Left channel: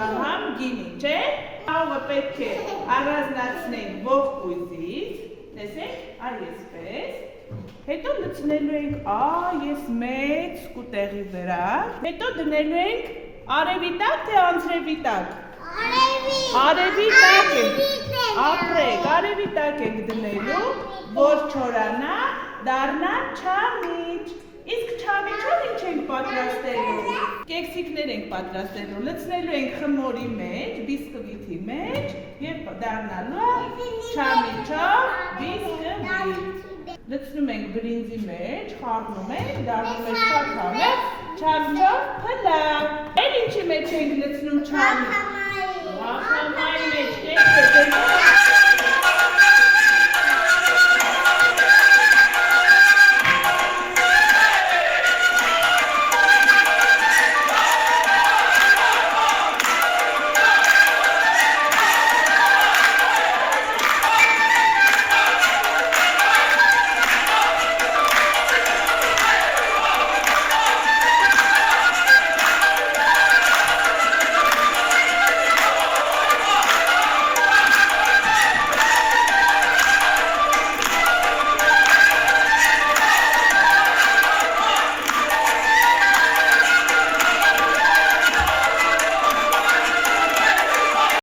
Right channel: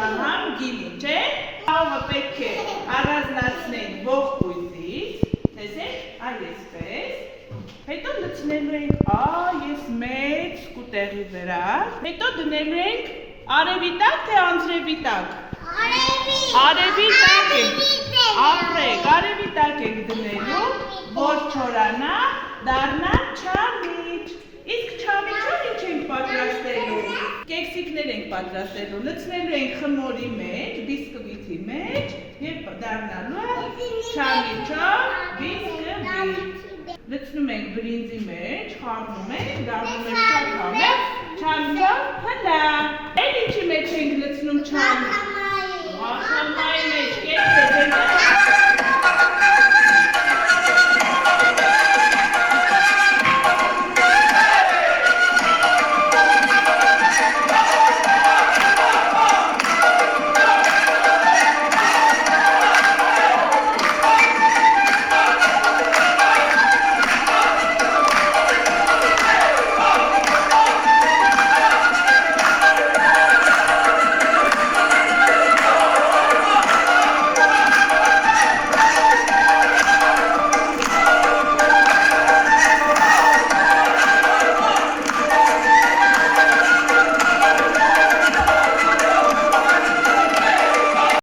չահամ գինի, չէ՞։ Խաղը պետք է առանձնացնենք ողկույզից, տեսեք, այսպես։ Հետո լցնելու ենք այս մեծ սկուտեղի վրա։ Հետո դնելու ենք արևի տակ թե անձրևի տակ։ Արևի տակ ենք, ապրեք, արևի տակ ենք դնելու, որ չորանա, դառնա չամիչ։ Իսկ չամիչով ինչ ենք պատրաստելու։ Կեքսիկներ ենք պատրաստելու, լցնելու ենք խմորի մեջ, բիսկվիթի մեջ և դառնալու չամիչով բիսկվիթ։ Լցնում ենք բրինձի մեջ, խառնում ենք, դառնում է շատ համեղ, չամիչով փլա։ Էլ ինչի մեջ ենք լցնում չամիչ։